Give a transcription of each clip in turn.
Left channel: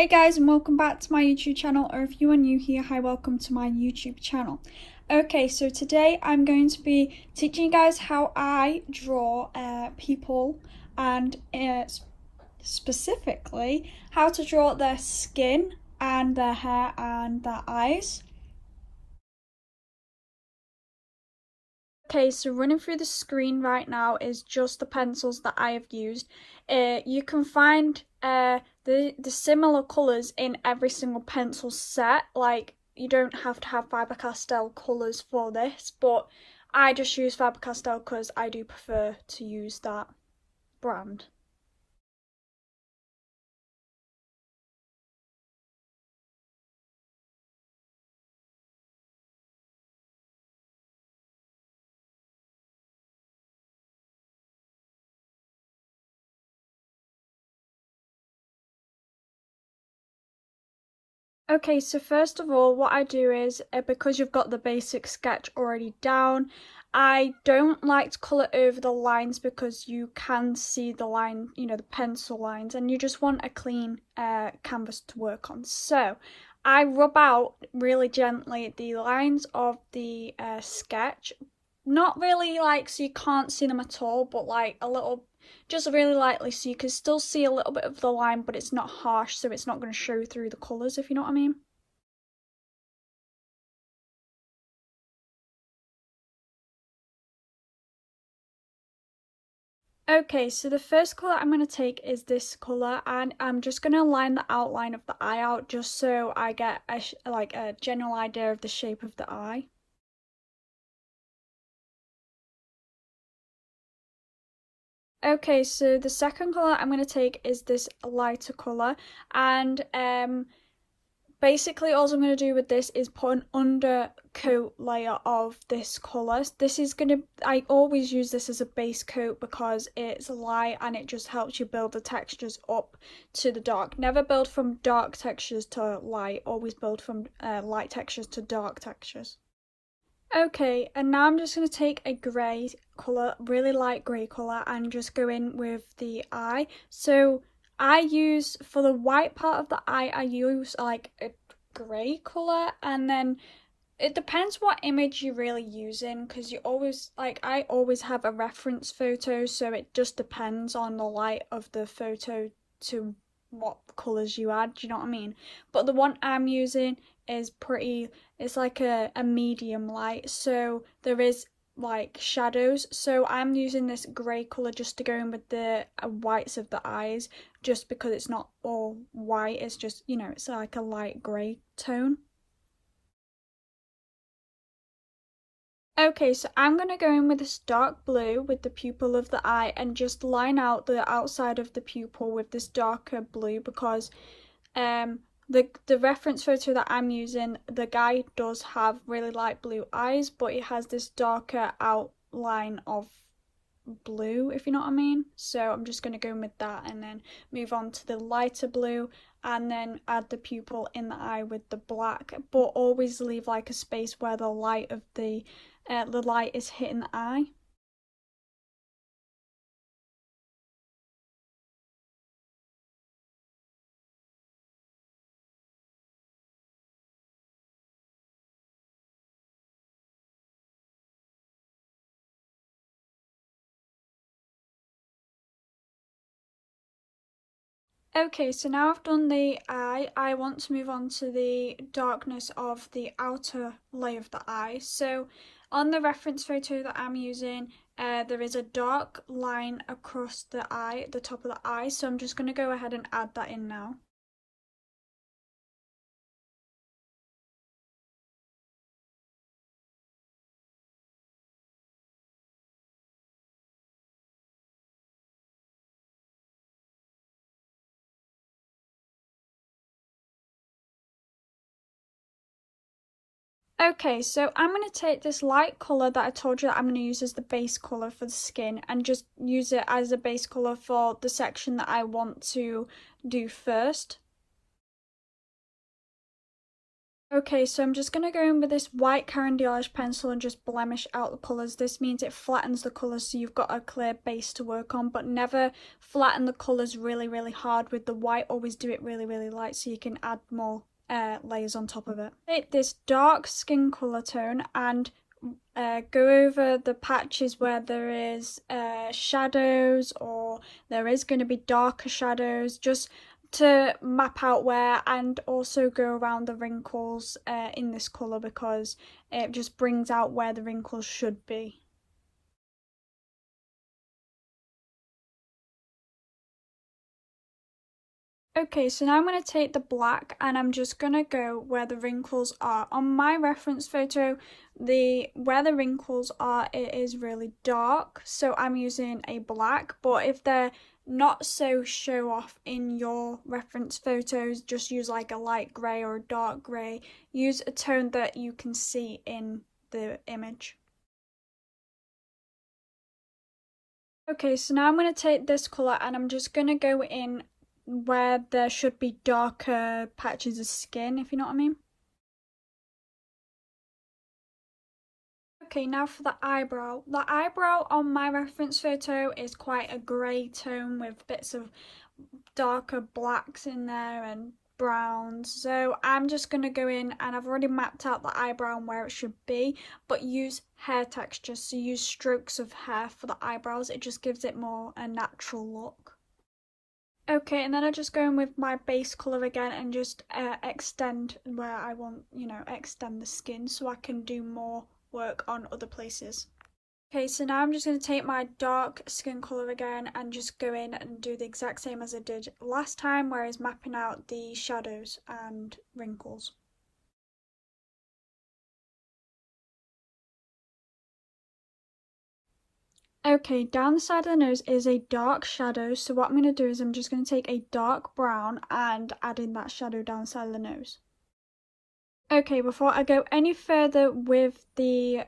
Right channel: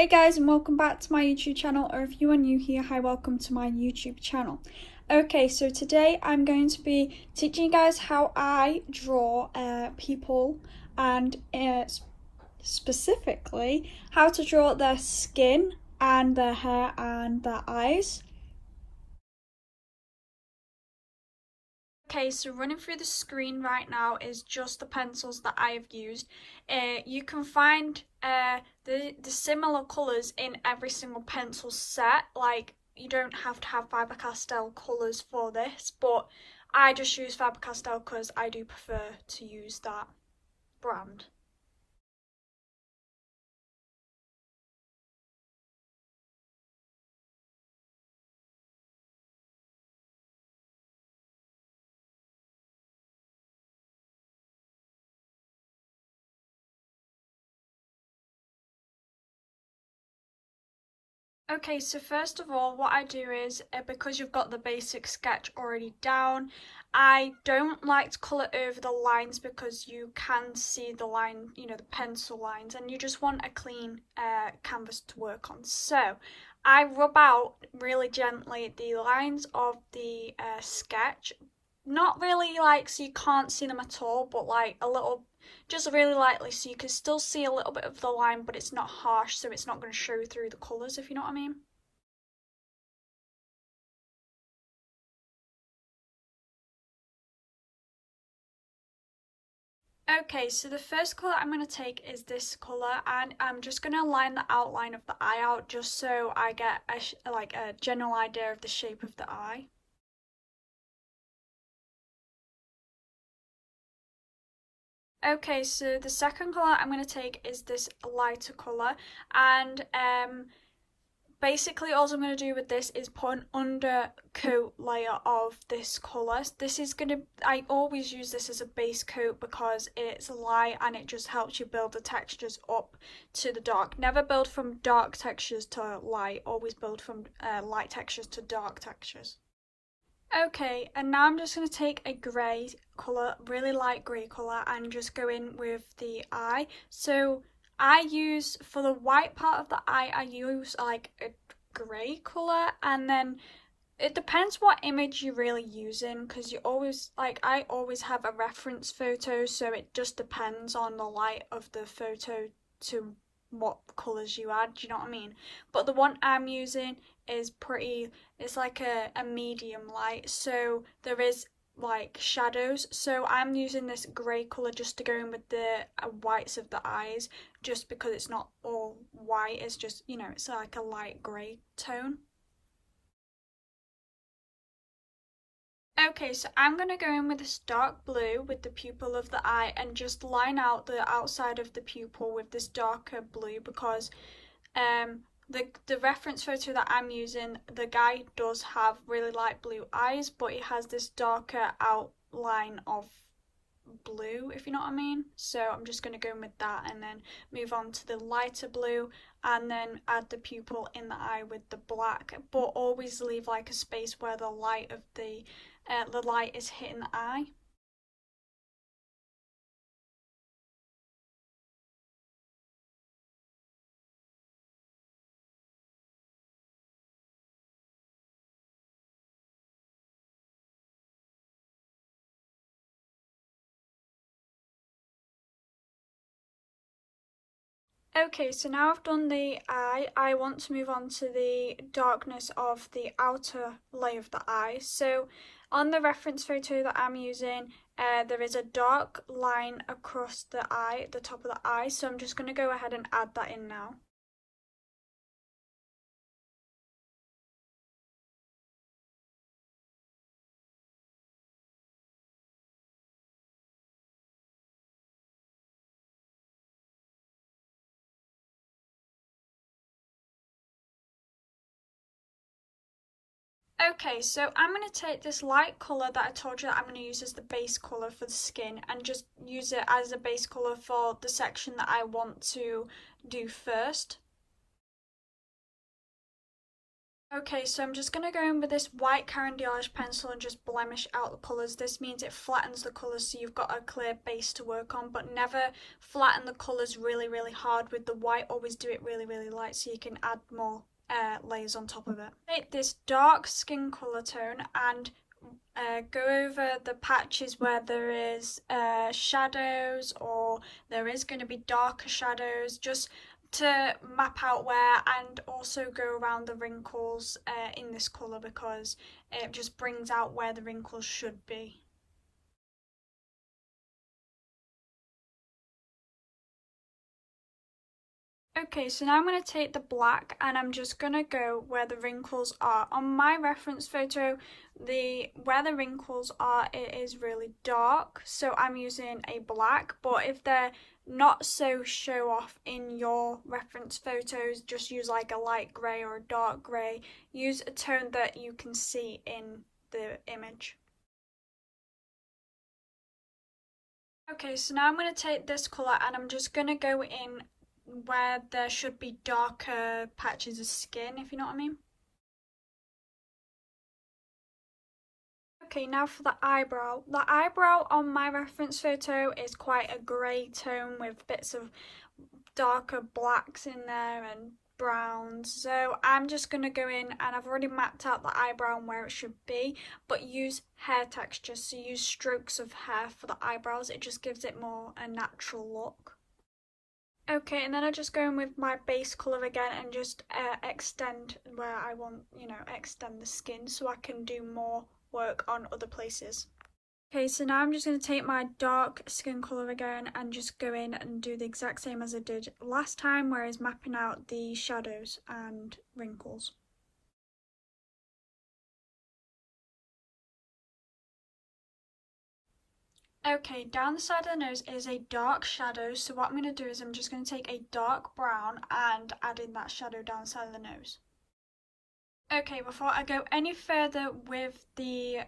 Hey guys, and welcome back to my YouTube channel, or if you are new here, hi, welcome to my YouTube channel. Okay, so today I'm going to be teaching you guys how I draw people, and specifically how to draw their skin and their hair and their eyes. Okay, so running through the screen right now is just the pencils that I have used. You can find the similar colours in every single pencil set. Like, you don't have to have Faber-Castell colours for this, but I just use Faber-Castell because I do prefer to use that brand. Okay, so first of all, what I do is, because you've got the basic sketch already down, I don't like to colour over the lines because you can see the line, the pencil lines, and you just want a clean canvas to work on. So I rub out really gently the lines of the sketch, not really like so you can't see them at all, but like a little, just really lightly so you can still see a little bit of the line, but it's not harsh, so it's not going to show through the colours, if you know what I mean. Okay, so the first colour I'm going to take is this colour, and I'm just going to line the outline of the eye out just so I get a general idea of the shape of the eye. Okay, so the second colour I'm going to take is this lighter colour, and basically all I'm going to do with this is put an undercoat layer of this colour. I always use this as a base coat because it's light and it just helps you build the textures up to the dark. Never build from dark textures to light, always build from light textures to dark textures. Okay, and now I'm just going to take a grey colour, really light grey colour, and just go in with the eye. So I use, for the white part of the eye, I use like a grey colour, and then it depends what image you're really using, because I always have a reference photo, so it just depends on the light of the photo to what colours you add, do you know what I mean? But the one I'm using is it's like a medium light, so there is like shadows, so I'm using this grey colour just to go in with the whites of the eyes, just because it's not all white, it's just, it's like a light grey tone. Okay, so I'm going to go in with this dark blue with the pupil of the eye and just line out the outside of the pupil with this darker blue, because the reference photo that I'm using, the guy does have really light blue eyes, but he has this darker outline of blue, if you know what I mean. So I'm just going to go in with that and then move on to the lighter blue and then add the pupil in the eye with the black, but always leave like a space where the light is hitting the eye. Okay, so now I've done the eye, I want to move on to the darkness of the outer layer of the eye. So on the reference photo that I'm using, there is a dark line across the eye, the top of the eye, so I'm just going to go ahead and add that in now. Okay, so I'm going to take this light colour that I told you that I'm going to use as the base colour for the skin and just use it as a base colour for the section that I want to do first. Okay, so I'm just going to go in with this white Caran pencil and just blemish out the colours. This means it flattens the colours so you've got a clear base to work on, but never flatten the colours really, really hard with the white. Always do it really, really light so you can add more layers on top of it. Take this dark skin colour tone and go over the patches where there is shadows or there is going to be darker shadows, just to map out where, and also go around the wrinkles in this colour because it just brings out where the wrinkles should be. Okay, so now I'm going to take the black and I'm just going to go where the wrinkles are. On my reference photo, where the wrinkles are, it is really dark, so I'm using a black, but if they're not so show off in your reference photos, just use like a light grey or a dark grey. Use a tone that you can see in the image. Okay, so now I'm going to take this colour and I'm just going to go in where there should be darker patches of skin, if you know what I mean. Okay, now for the eyebrow. The eyebrow on my reference photo is quite a grey tone with bits of darker blacks in there and browns. So I'm just going to go in and I've already mapped out the eyebrow and where it should be, but use hair texture. So use strokes of hair for the eyebrows. It just gives it more a natural look. Okay, and then I just go in with my base colour again and just extend where I want, extend the skin so I can do more work on other places. Okay, so now I'm just going to take my dark skin colour again and just go in and do the exact same as I did last time, whereas mapping out the shadows and wrinkles. Okay, down the side of the nose is a dark shadow, so what I'm going to do is I'm just going to take a dark brown and add in that shadow down the side of the nose. Okay, before I go any further with the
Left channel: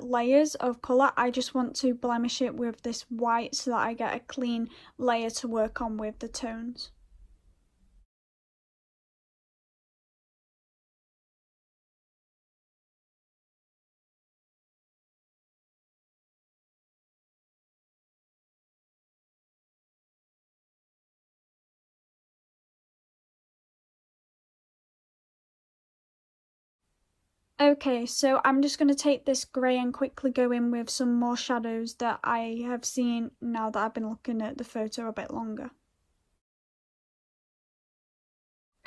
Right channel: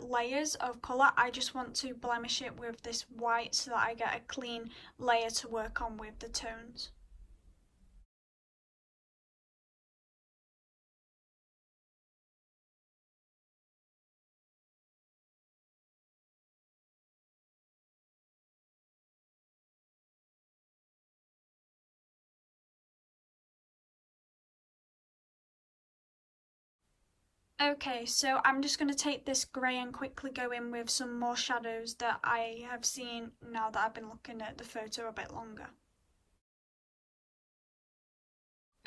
layers of colour, I just want to blemish it with this white so that I get a clean layer to work on with the tones. Okay, so I'm just going to take this grey and quickly go in with some more shadows that I have seen now that I've been looking at the photo a bit longer.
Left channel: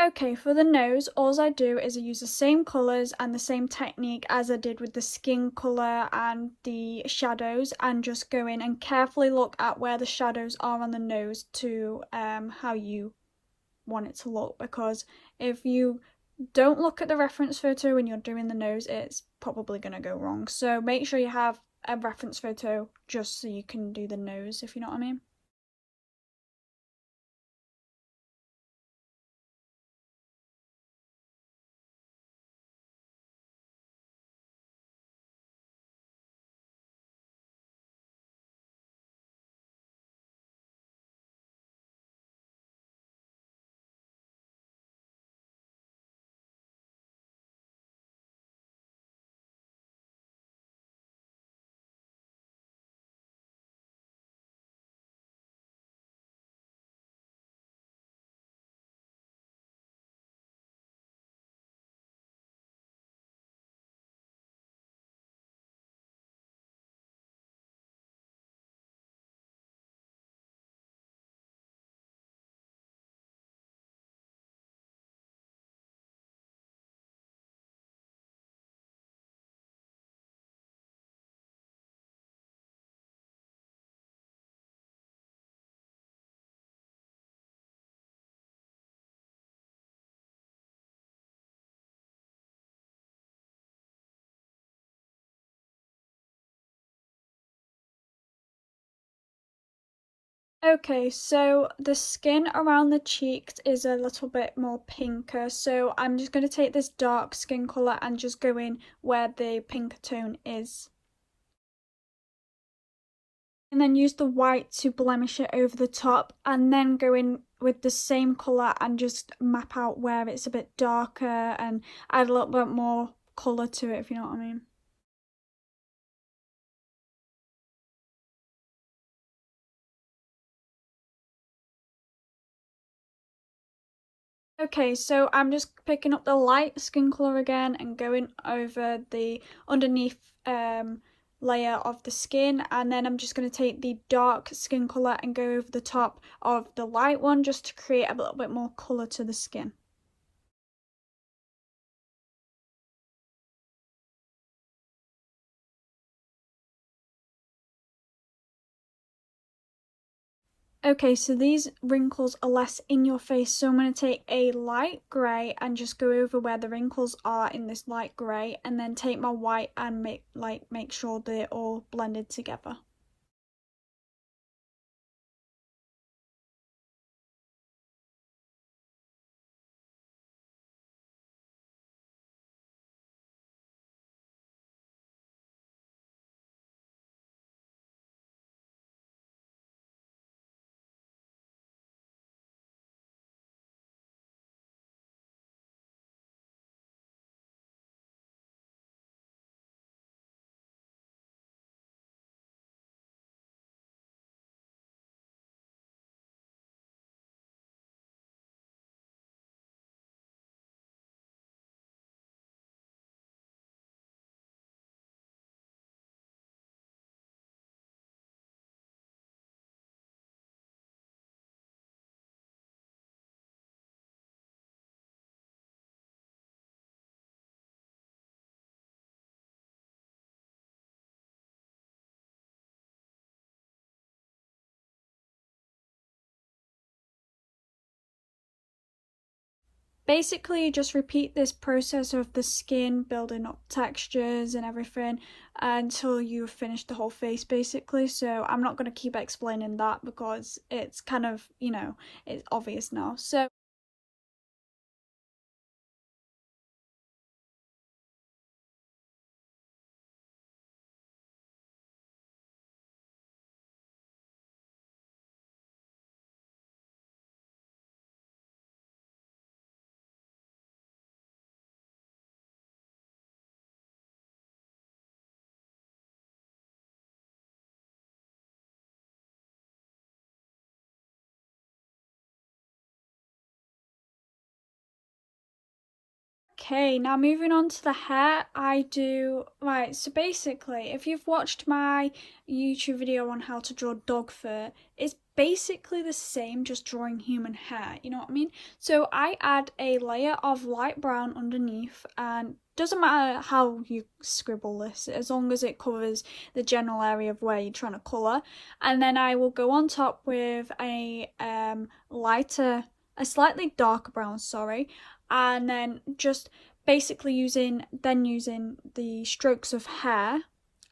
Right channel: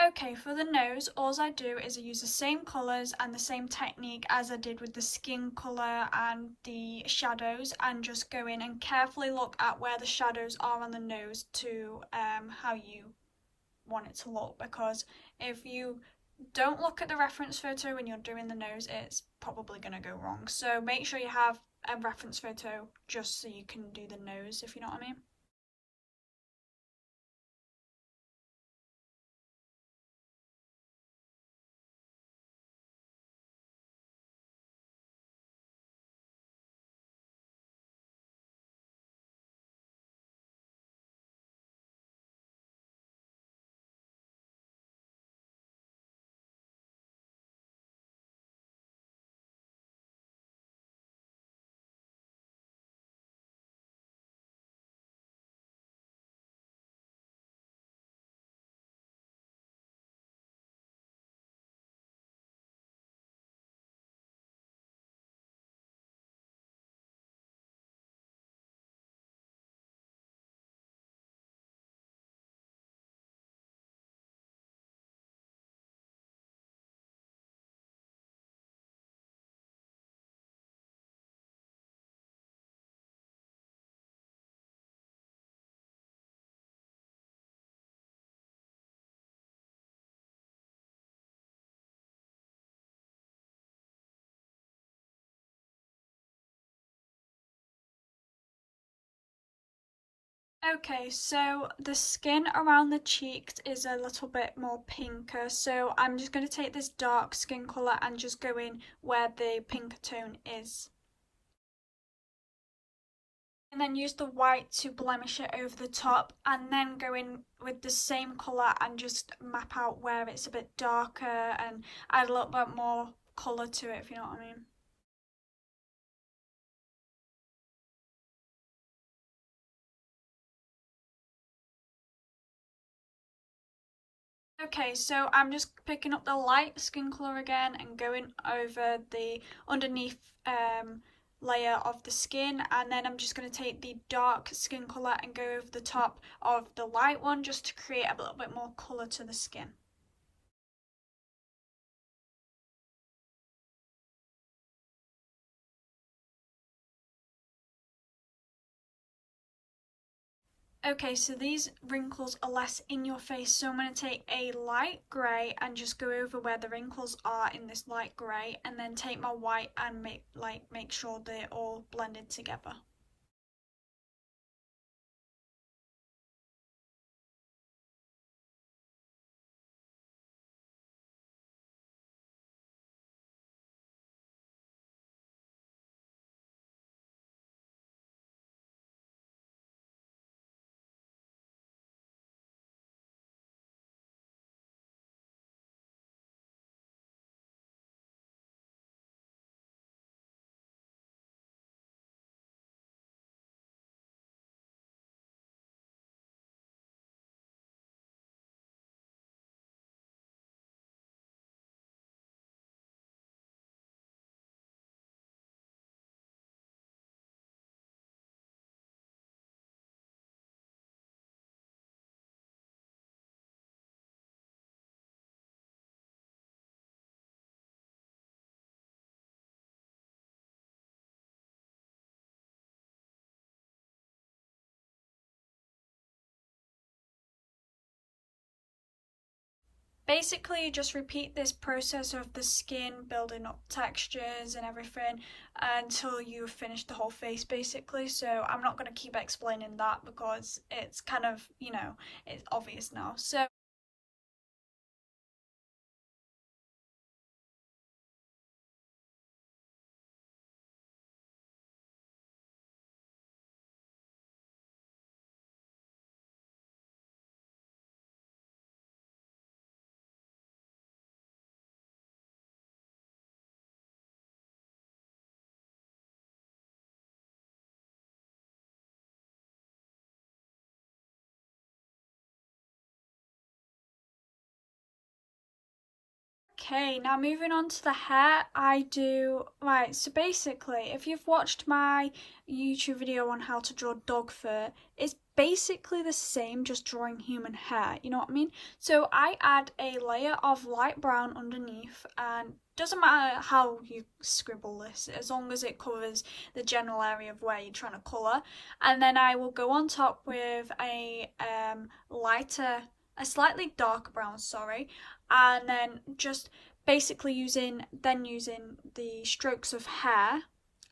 Okay, for the nose, all I do is I use the same colours and the same technique as I did with the skin colour and the shadows, and just go in and carefully look at where the shadows are on the nose to how you want it to look, because if you don't look at the reference photo when you're doing the nose, it's probably going to go wrong. So make sure you have a reference photo just so you can do the nose, if you know what I mean. Okay, so the skin around the cheeks is a little bit more pinker, so I'm just going to take this dark skin colour and just go in where the pinker tone is. And then use the white to blemish it over the top, and then go in with the same colour and just map out where it's a bit darker and add a little bit more colour to it, if you know what I mean. Okay, so I'm just picking up the light skin colour again and going over the underneath layer of the skin, and then I'm just going to take the dark skin colour and go over the top of the light one just to create a little bit more colour to the skin. Okay, so these wrinkles are less in your face, so I'm going to take a light grey and just go over where the wrinkles are in this light grey, and then take my white and make sure they're all blended together. Basically, you just repeat this process of the skin building up textures and everything until you've finished the whole face, basically. So I'm not going to keep explaining that because it's kind of, it's obvious now. So okay, now moving on to the hair, right, so basically, if you've watched my YouTube video on how to draw dog fur, it's basically the same, just drawing human hair, you know what I mean? So I add a layer of light brown underneath, and doesn't matter how you scribble this, as long as it covers the general area of where you're trying to colour. And then I will go on top with a slightly darker brown, sorry, and then just basically using the strokes of hair,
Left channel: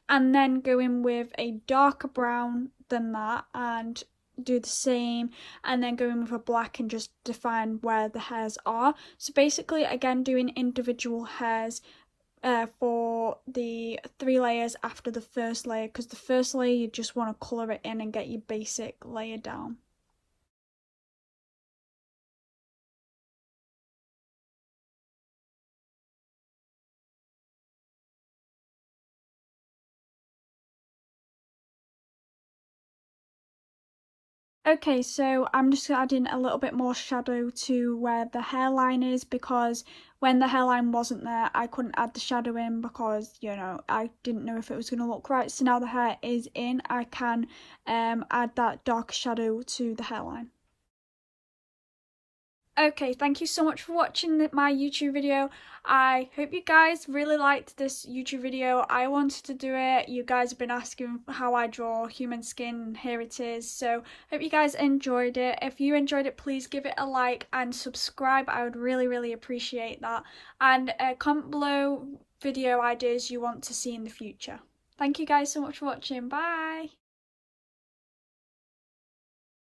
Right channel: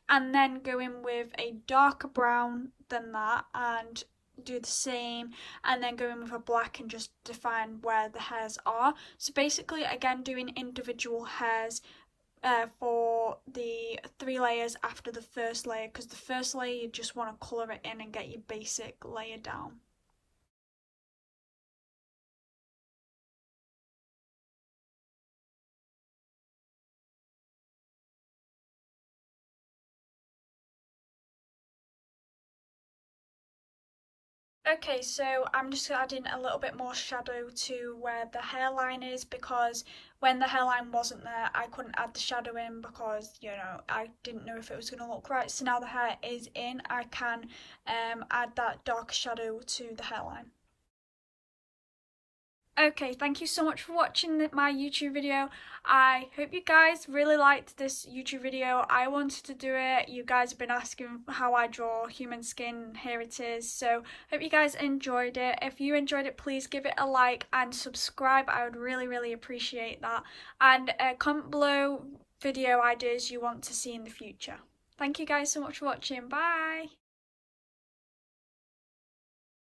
and then go in with a darker brown than that and do the same, and then go in with a black and just define where the hairs are. So basically, again, doing individual hairs for the 3 layers after the first layer, because the first layer you just want to colour it in and get your basic layer down. Okay, so I'm just adding a little bit more shadow to where the hairline is, because when the hairline wasn't there, I couldn't add the shadow in because, I didn't know if it was going to look right. So now the hair is in, I can add that dark shadow to the hairline. Okay, thank you so much for watching my YouTube video. I hope you guys really liked this YouTube video. I wanted to do it. You guys have been asking how I draw human skin. Here it is. So hope you guys enjoyed it. If you enjoyed it, please give it a like and subscribe. I would really, really appreciate that. And comment below video ideas you want to see in the future. Thank you guys so much for watching. Bye!